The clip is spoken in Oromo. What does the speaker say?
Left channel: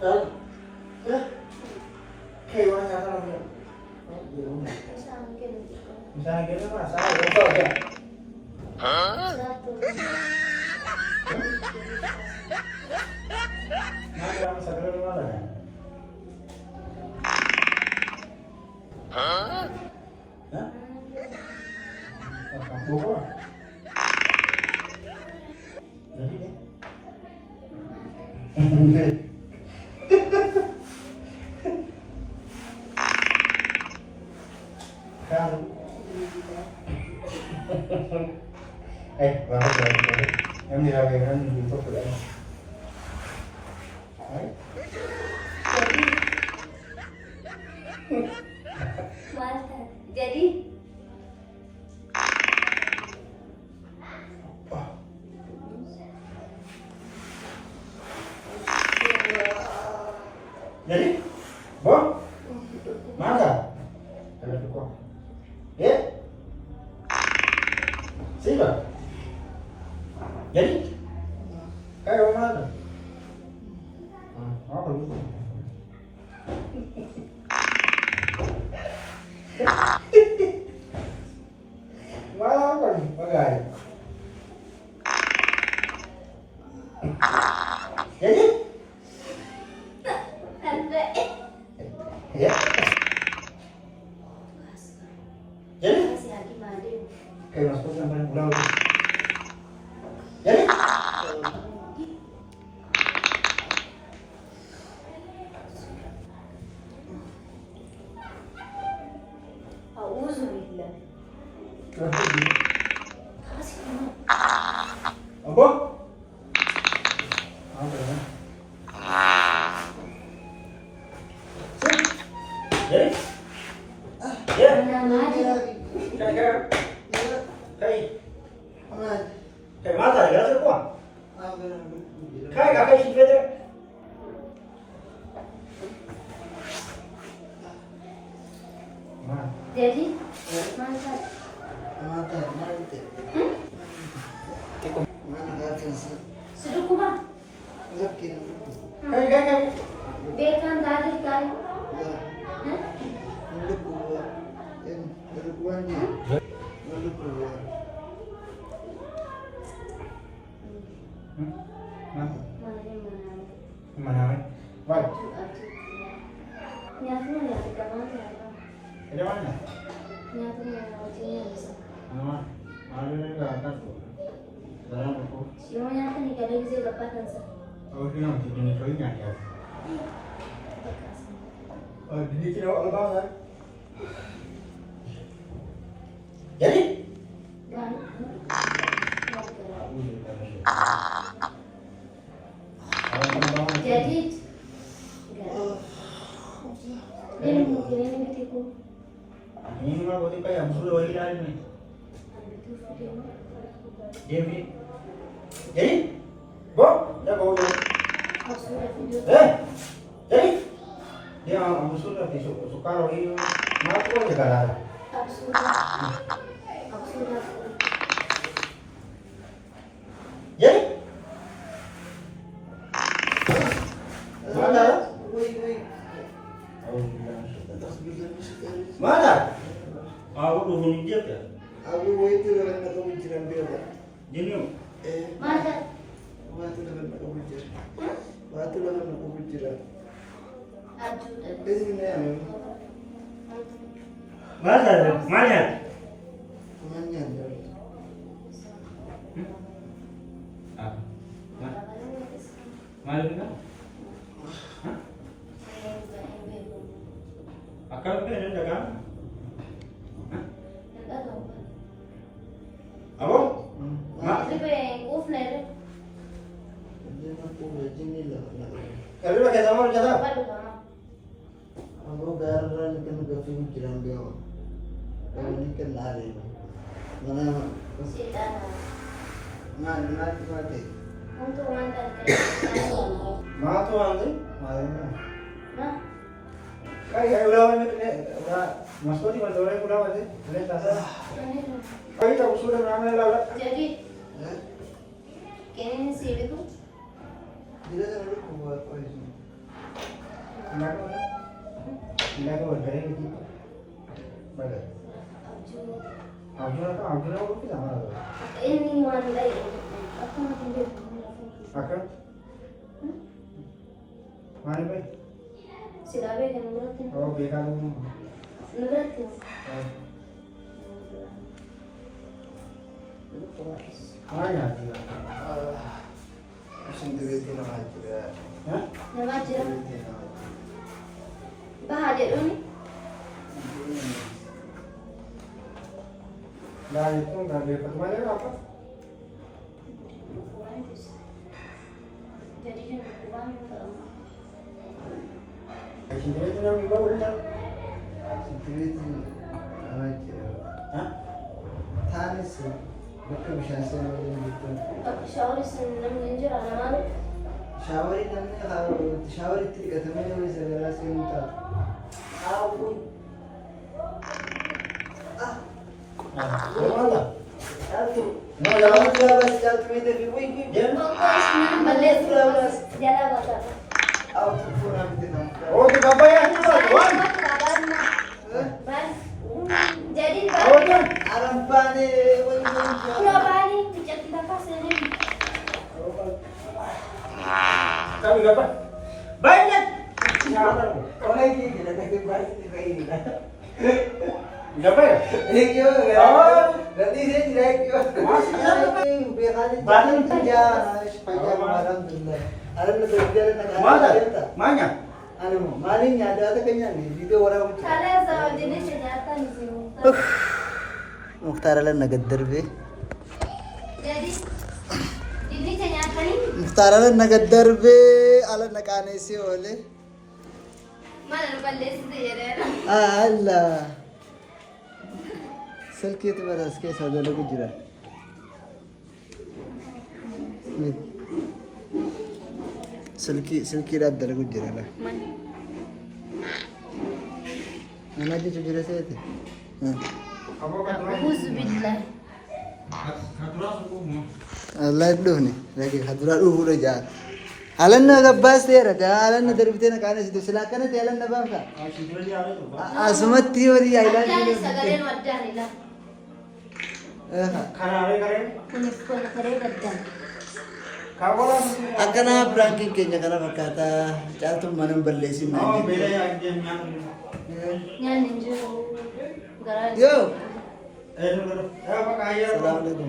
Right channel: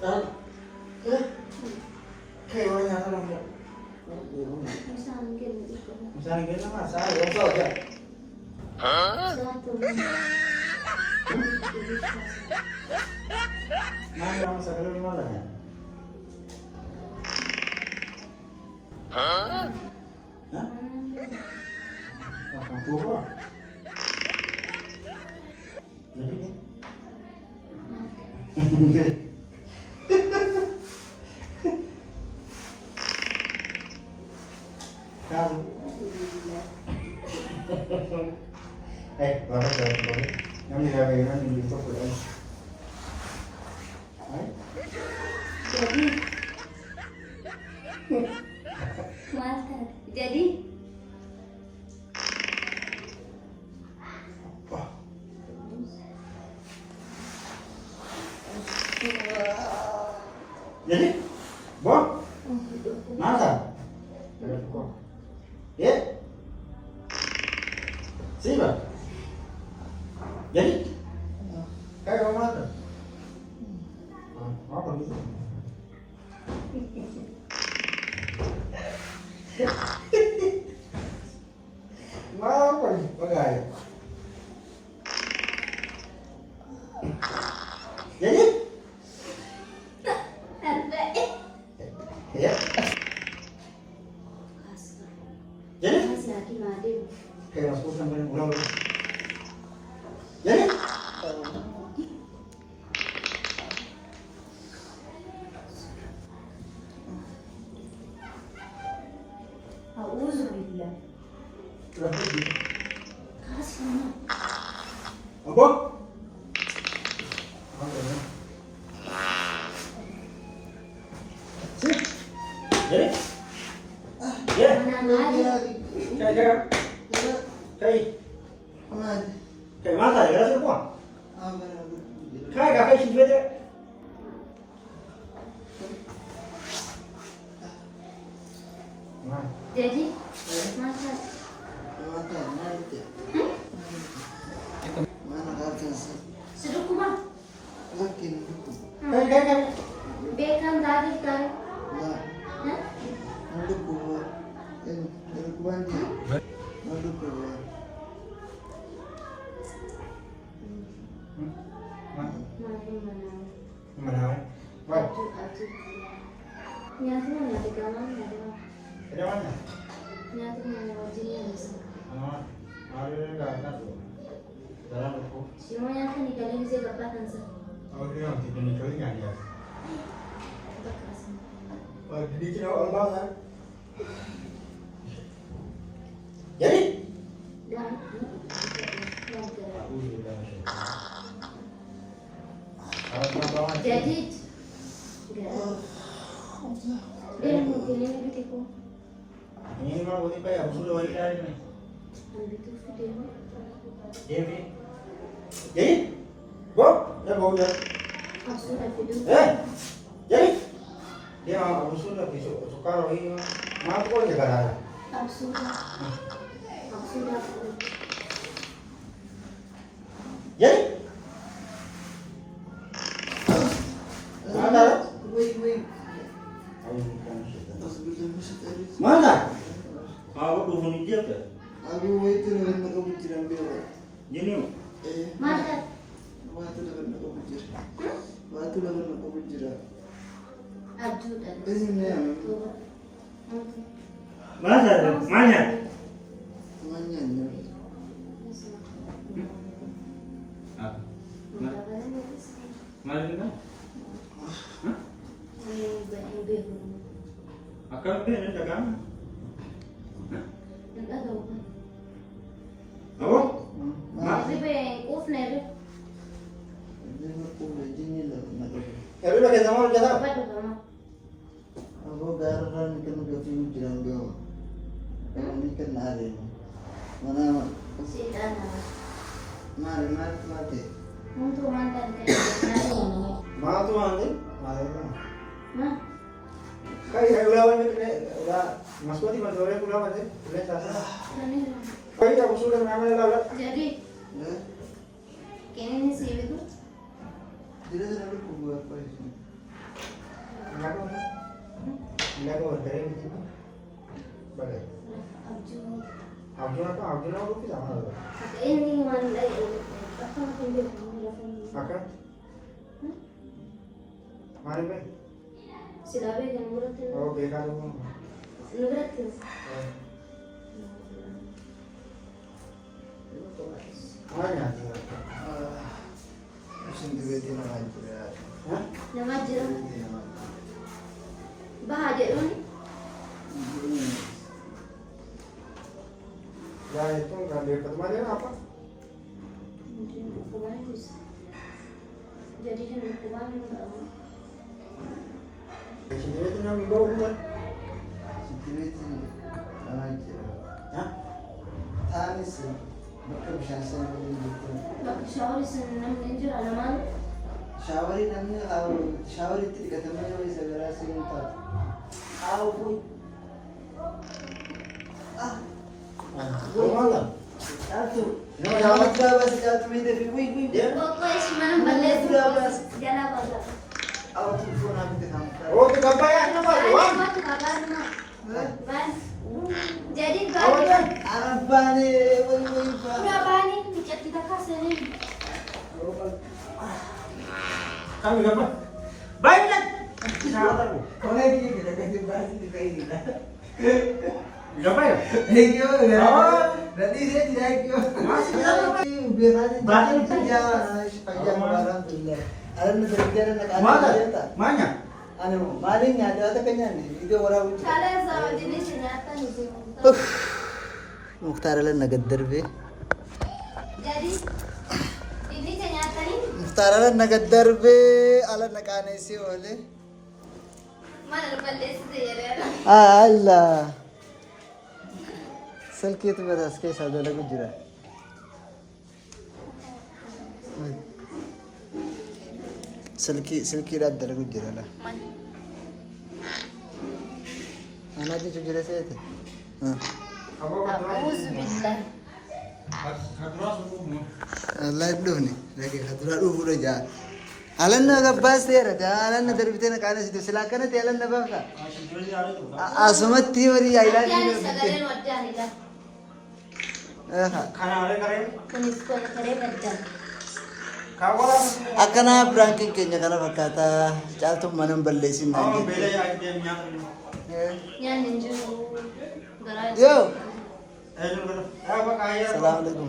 Dan kayak mana nyata namanya? Misalnya gini mas, saya bongso aja. Mana yang bisa keluar di mana? Hah? Oh, kampung kok. Jadi nih. Kamu. Bapak jangan. Yang dihawaikan di itu sudah. Jadi Jadi, Boh, mana? Ada cukup. Ya, siapa? Jadi, kayak mana? Apa gitu? Apa nih, bagai? Jadi? Ya. Jadi? Kayak masuk sampai pulang. Jadi? Apa? Jadi? Ya. Kayak mata ya, sih kuah. Kayak kakak sih beda. jadi masa sudah kubang Kayak. bekan dari kan Mana? Mana? nyatanya dari kamar Ada mana? nyatanya wajibnya Ada enggak ada tuh. Dalam buku. semuanya kan dikali bisa dapatkan sih Oh, ini nanti ini coynya ya. Oh, di sini awal banget. Jadi? jadi Ini mah buat kayak musuh lagi nih. Jadi? Jadi? Bob, dah bawa. Jadi? Dia musuh lagi suka rohi. Ngaku aja kalah. Jadi? Mana? Mana? Aku tuh bunyi dia ya. Aku itu dalam nak kebijakan dia. Jadi, Mana? Waktu dalam nak kebijakan. Waktu dalam nak kebijakan. Ajudan. Ini ni yang mana? Mana? manyan. Mana kita? Akal ke ini jaga? Apa? Dia nak kebijakan ni lah nak. Kalau lagi sama orang jaga. Aku garan kena kebijakan dia. Ini kan hari. Mana mati. Mana tuh angin? Mana? Kayak ulah masuk di mana orang ulah aja. Boleh tasa. Kayak aku sudah ramai lah. Jadi, kini sih itu Dia selalu buat apa itu? Ilago dari itu. Bagai. Abjuna aku tidak mana. Ini mana lagi? Aku nak pergi. Akan? Mana bay? Silabe kan nurat. Oh, bekar. Nurat. Mana? Sendiri tidak lagi ya. Hah? Nama jira. Bahagia ni. Nah itu nggak ada kemarin apa? Bukuan itu. Jadi kan bukuan kalau. Sendiri itu yang bawa rumah. Sendiri tidak lagi. Hah? Tani sih. Bukan bisa saya gitu. Tapi shower senang ninja amal. Shawari namanya kalau shawari tidak temannya bisa berasa minta. Aku. Mana? Aduh. No, jangan lupa sih kalau minta wih. Pokoknya senang balik terus. Jalan baca. Aku pernah minta nama. Oh, itu apa ya? Apa? Wan. Jadi Oh, kan? Alam pani, berapa ini kita kasih ini? Kami apa? Banyak. orang ini kita kasih berarti kita ini. Berapa ya? Nanti saya tidak ikut. Ini biasanya kerja alhamdulillah. Alam bekerja dan Mana? Mana? Anu, malingnya ada kayaknya nih. Video orang. Kalian sama jenis senjata di sini. Mukhtar ala nagadar be. Jadi ini senjata ini Mukhtar ala nagadar be ala nakane si ole. mana balik sih ya? Allah. Selki itu beras ke sada lagu jira. Selki rat lagu jira lah. Mana di jira saya itu? Auzubillah. Allah itu nih, lagi hadrat udah jahat. Alan na gabbas tera ta alan na darbite na kana situ silakan te alan na ba ka asumat theory ailan Jadi segala wajah ni lah. Kana ada karen? Kunis ko na kare wajah. Kawan. akana pranking kenya kana bakata jantum manam balle sin Oh, bela ya dia nyang. Yan ninju garaj. yo Eh, lu. Ya, apa kaya? assalamualaikum